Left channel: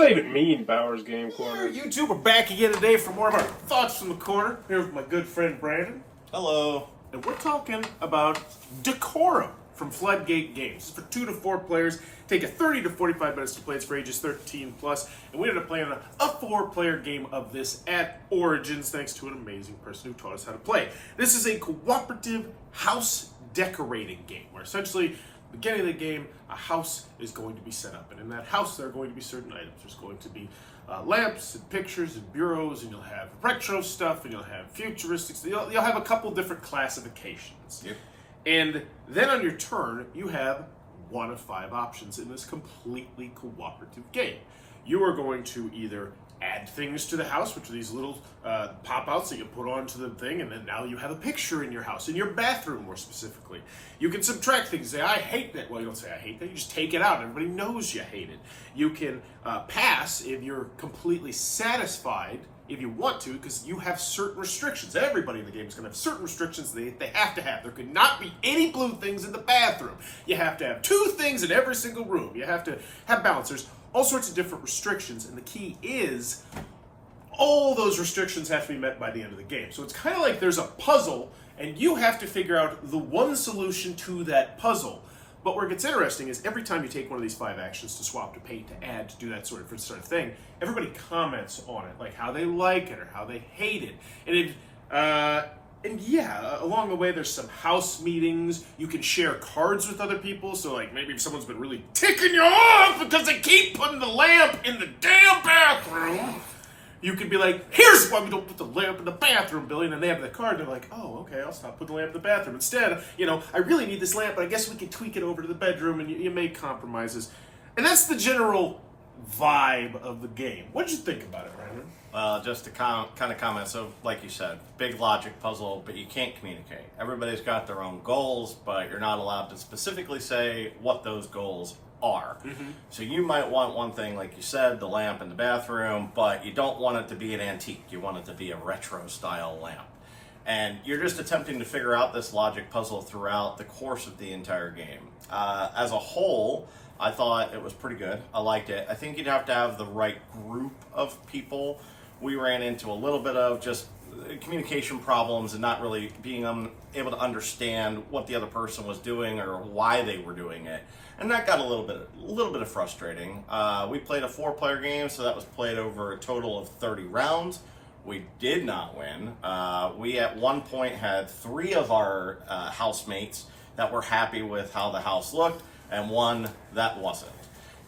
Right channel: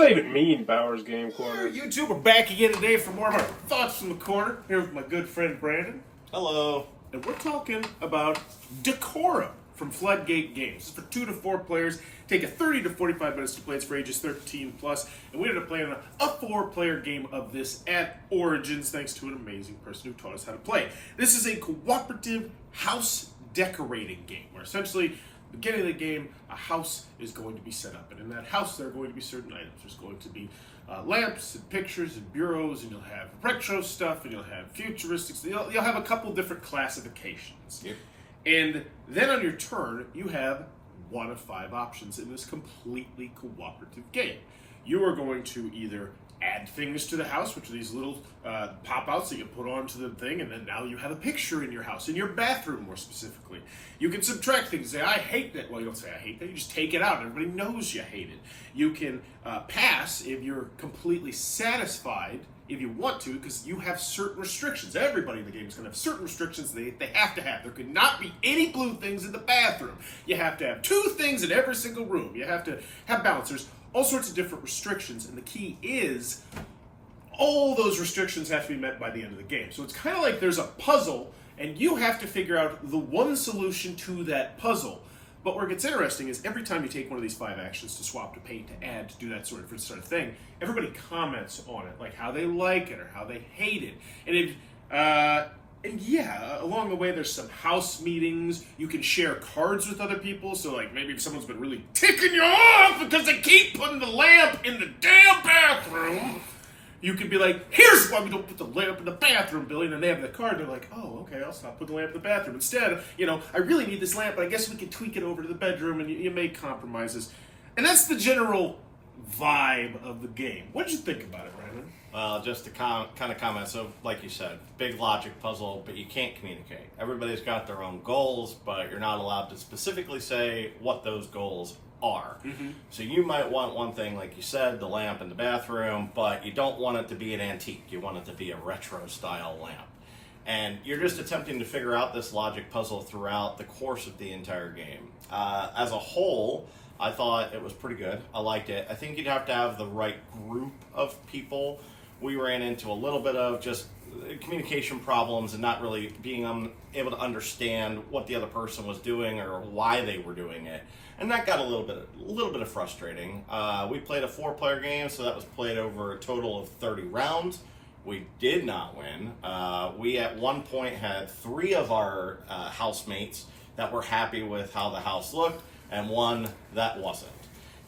not even mean, Bowers Game Corner. You two are back again today for more of our Thoughts from the Corner. Here with my good friend Brandan. Hello. And we're talking about Decorum from Floodgate Games. It's for 2 to 4 players. Take 30 to 45 minutes to play. It's for ages 13 plus. And we ended up playing a 4-player game of this at Origins, thanks to an amazing person who taught us how to play. This is a cooperative house decorating game, where essentially, at the beginning of the game, a house is going to be set up. And in that house, there are going to be certain items. There's going to be lamps and pictures and bureaus, and you'll have retro stuff, and you'll have futuristic. You'll have a couple different classifications. Yep. And then on your turn, you have 1 of 5 options in this completely cooperative game. You are going to either add things to the house, which are these little pop-outs that you put onto the thing, and then now you have a picture in your house, in your bathroom more specifically. You can subtract things, say, I hate that. Well, you don't say, I hate that, you just take it out. Everybody knows you hate it. You can pass if you're completely satisfied, if you want to, because you have certain restrictions. Everybody in the game is going to have certain restrictions they have to have. There could not be any blue things in the bathroom. You have to have 2 things in every single room. You have to have balancers. All sorts of different restrictions, and the key is all those restrictions have to be met by the end of the game. So it's kind of like there's a puzzle, and you have to figure out the one solution to that puzzle. But where it gets interesting is every time you take one of these 5 actions to swap, to paint, to add, to do that sort of thing, everybody comments on it, like how they like it or how they hate it. And along the way, there's some house meetings. You can share cards with other people. So, like, maybe if someone's been really ticking you off because they keep putting the lamp in the damn bathroom, you can be like, here's why we don't put the lamp in the bathroom, Billy. And then they have the card. They're like, oh, okay, I'll stop putting the lamp in the bathroom. Instead, I really need this lamp, but I guess we can tweak it over to the bedroom, and you make compromises. And that's the general vibe of the game. What did you think about it, Brandon? Just to kind of comment, so like you said, big logic puzzle, but you can't communicate. Everybody's got their own goals, but you're not allowed to specifically say what those goals are. Mm-hmm. So you might want one thing, like you said, the lamp in the bathroom, but you don't want it to be an antique. You want it to be a retro style lamp. And you're just attempting to figure out this logic puzzle throughout the course of the entire game. As a whole, I thought it was pretty good. I liked it. I think you'd have to have the right group of people. We ran into a little bit of just communication problems and not really being able to understand what the other person was doing or why they were doing it. And that got a little bit of frustrating. We played a 4-player game, so that was played over a total of 30 rounds. We did not win. We at one point had 3 of our housemates that were happy with how the house looked, and 1 that wasn't.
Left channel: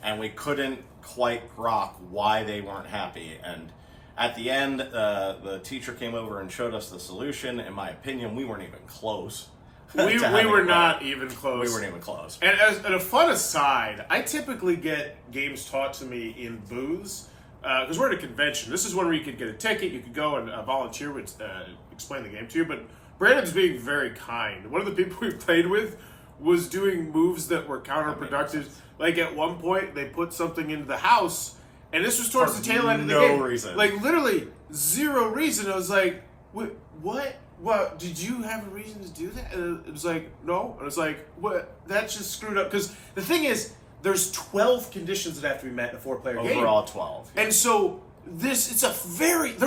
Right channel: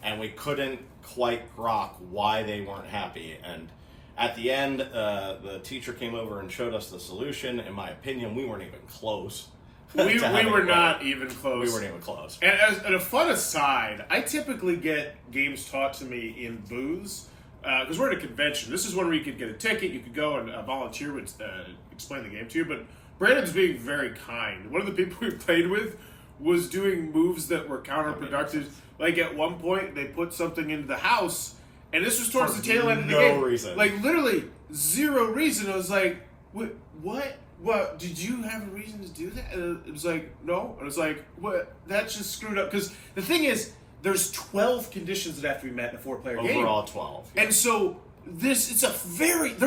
And we couldn't quite grok why they weren't happy. And at the end, the teacher came over and showed us the solution. In my opinion, we weren't even close. We were not even close. We weren't even close. And as a fun aside, I typically get games taught to me in booths, because we're at a convention. This is one where you could get a ticket, you could go and a volunteer would explain the game to you, but Brandon's being very kind. One of the people we played with was doing moves that were counterproductive. Like at one point, they put something into the house, and this was towards the tail end of the game. No reason. Like literally 0 reason. I was like, what? What? Did you have a reason to do that? And it was like, no. And I was like, what? That's just screwed up. Because the thing is, there's 12 conditions that have to be met in a 4-player game. Overall 12. Yeah. And so there's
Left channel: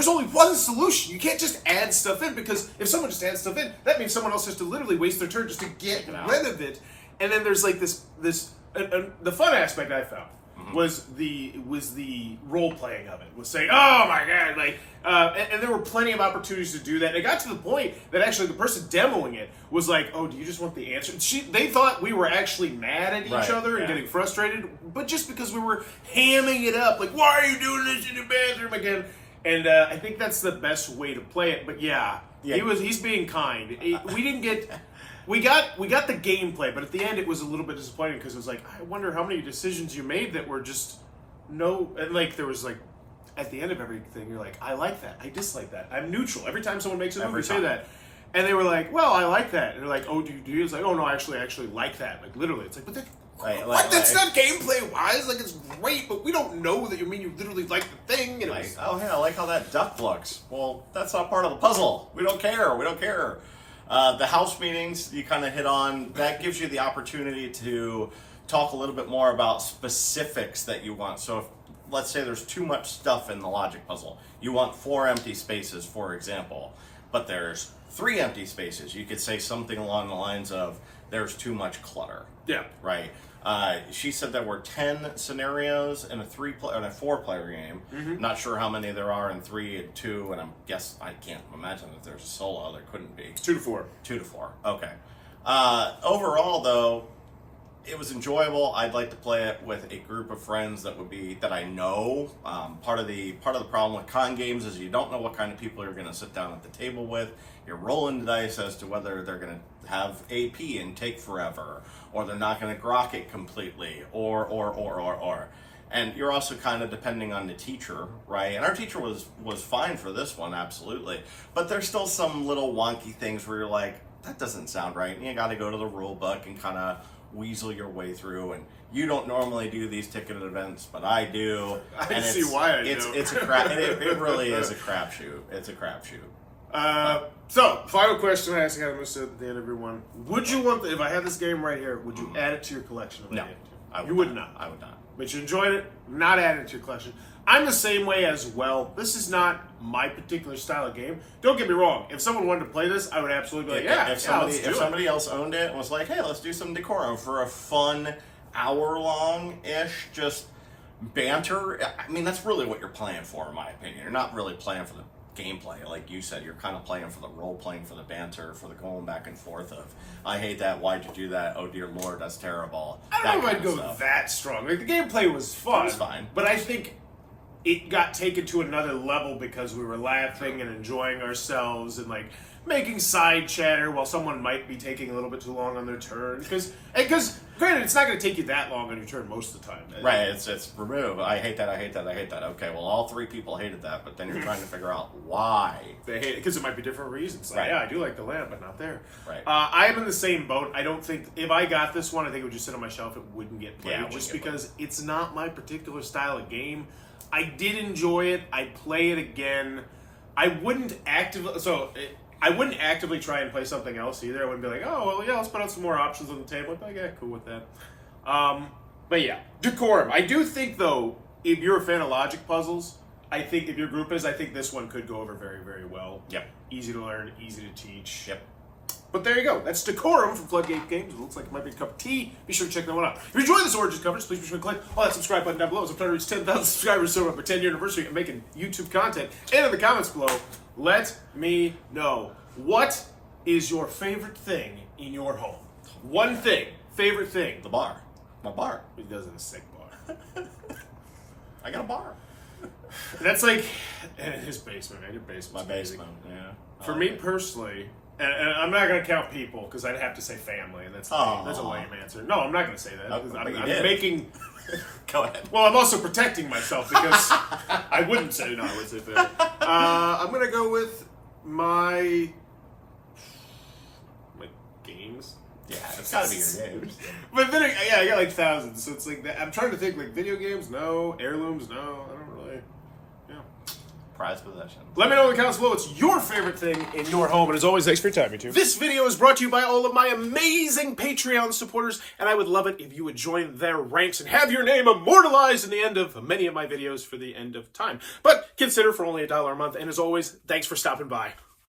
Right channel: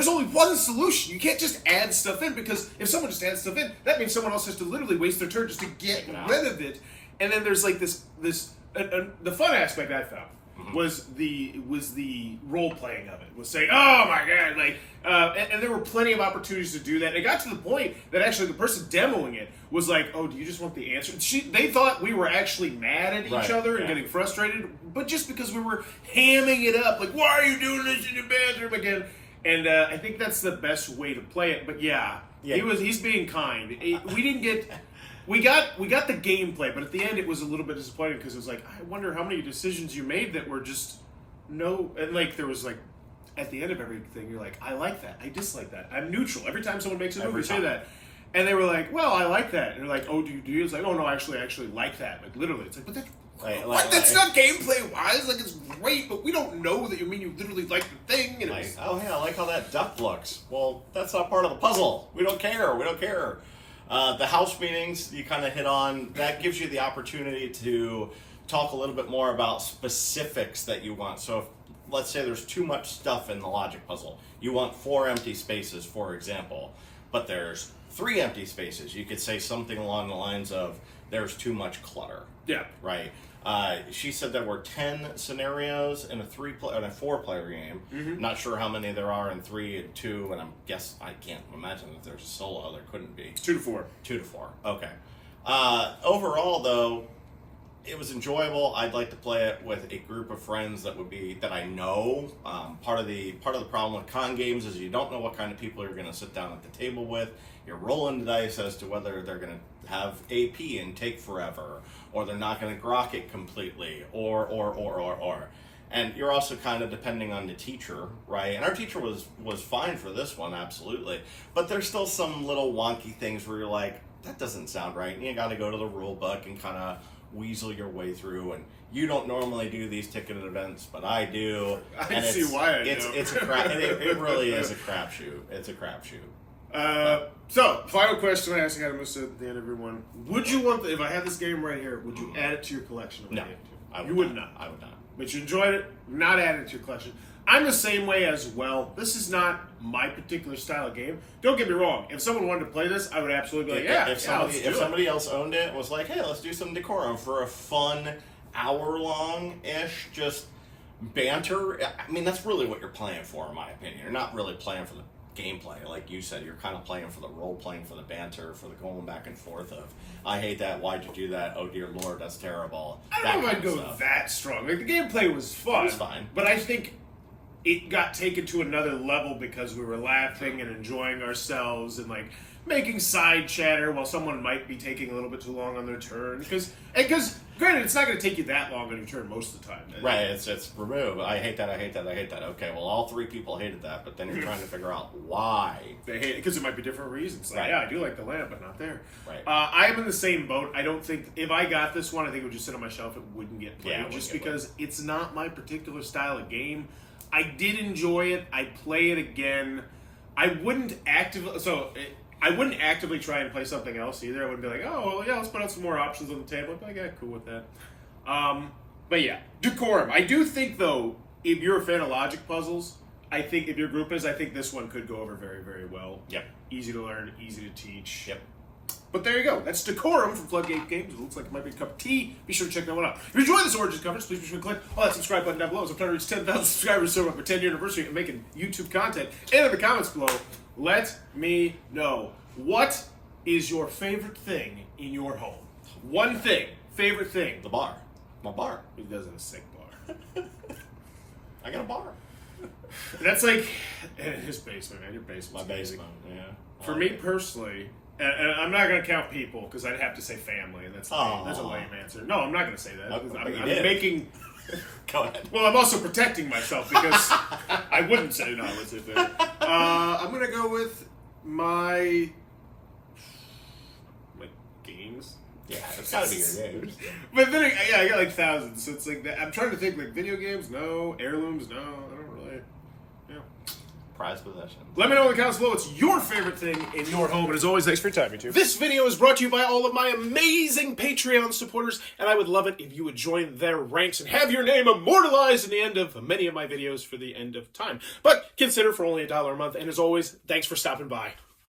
only one solution. You can't just add stuff in, because if someone just adds stuff in, that means someone else has to literally waste their turn just to get rid of it. And then there's like the fun aspect I found was the role playing of it. Was saying, oh my god, like, and there were plenty of opportunities to do that. And it got to the point that actually the person demoing it was like, oh, do you just want the answer? They thought we were actually mad at each other and getting frustrated, but just because we were hamming it up, like, why are you doing this in the bathroom again? And I think that's the best way to play it. But he's being kind. We got the gameplay, but at the end it was a little bit disappointing, because it was like, I wonder how many decisions you made that were just and like there was like, at the end of everything, you're like, I like that, I dislike that, I'm neutral. Every time someone makes a move, you say that. And they were like, well, I like that. And they're like, oh, do you? It's like, oh no, I actually like that. Like literally, it's like, but that's not gameplay wise. Like, it's great, but we don't know that you mean you literally like the thing. And like, oh yeah, I like how that duck looks. Well, that's not part of the puzzle. We don't care. The house meetings you kind of hit on, that gives you the opportunity to talk a little bit more about specifics that you want. So let's say there's too much stuff in the logic puzzle. You want 4 empty spaces, for example, but there's 3 empty spaces. You could say something along the lines of, there's too much clutter. Yeah. Right? She said there were 10 scenarios in a 4-player game. Mm-hmm. Not sure how many there are in 3 and 2, and I can't imagine if there's a solo. There couldn't be. It's 2 to 4. 2 to 4. Okay. Overall, though, it was enjoyable. I'd like to play it with a group of friends that I know. Part of the problem with con games is you don't know what kind of people you're going to sit down at the table with. You're rolling the dice as to whether they're going to have AP and take forever, or they're not going to grok it completely, or. And you're also kind of depending on the teacher, right? And our teacher was fine for this one, absolutely. But there's still some little wonky things where you're like, that doesn't sound right. And you got to go to the rule book and kind of weasel your way through. And you don't normally do these ticketed events, but I do. I see why I do. It's a crap. It really is a crapshoot. It's a crapshoot. So, final question I ask you, at the end of everyone. Would you want, if I had this game right here, would you add it to your collection? No. You would not. I would not. But you enjoyed it, not add it to your collection. I'm the same way as well. This is not my particular style of game. Don't get me wrong. If someone wanted to play this, I would absolutely be like, if somebody else owned it and was like, hey, let's do some Decorum for a fun hour-long-ish just banter. I mean, that's really what you're playing for, in my opinion. You're not really playing for the gameplay. Like you said, you're kind of playing for the role-playing, for the banter, for the going back and forth of, I hate that, why'd you do that, oh dear lord, that's terrible. I don't know if I'd go that strong. Like, the gameplay was fun. It was fine. But I think it got taken to another level because we were laughing and enjoying ourselves and, like, making side chatter while someone might be taking a little bit too long on their turn. Because granted, it's not going to take you that long on your turn most of the time. Right, it's remove. I hate that. Okay, well, all 3 people hated that, but then you're trying to figure out why. They hate it because it might be different reasons. Like, right. Yeah, I do like the lamp, but not there. Right. I am in the same boat. I don't think, if I got this one, I think it would just sit on my shelf. It wouldn't get played. Yeah, just because it's not my particular style of game. I did enjoy it. I'd play it again. I wouldn't actively try and play something else either. I wouldn't be like, oh, well, yeah, let's put out some more options on the table. I'd be like, yeah, cool with that. But yeah, Decorum. I do think, though, if you're a fan of logic puzzles, I think if your group is, I think this one could go over very, very well. Yep. Easy to learn, easy to teach. Yep. But there you go. That's Decorum from Floodgate Games. It looks like it might be a cup of tea. Be sure to check that one out. If you enjoyed this Origins coverage, please be sure to click on that subscribe button down below. As I'm trying to reach 10,000 subscribers so up our 10-year anniversary and making YouTube content. And in the comments below, let me know. What is your favorite thing in your home? One thing. Favorite thing. The bar. My bar. He does in a sick bar. I got a bar. That's like in his basement, man. Your basement. My basement, yeah. For me personally, and I'm not going to count people because I'd have to say family, and that's a lame answer. No, I'm not going to say that. I'm making. Go ahead. Well, I'm also protecting myself because I wouldn't say no. I would say family. I'm going to go with my games. Yeah, it's got to be your games. But then, I got like thousands, so it's like that. I'm trying to think, like, video games, no. Heirlooms, no. I don't really. Yeah. Prized possession. Let me know in the comments below what's your favorite thing in your home. And as always, thanks for your time, YouTube. This video is brought to you by all of my amazing Patreon supporters, and I would love it if you would join their ranks and have your name immortalized in the end of many of my videos for the end of time. But consider for only $1 a month, and as always, thanks for stopping by.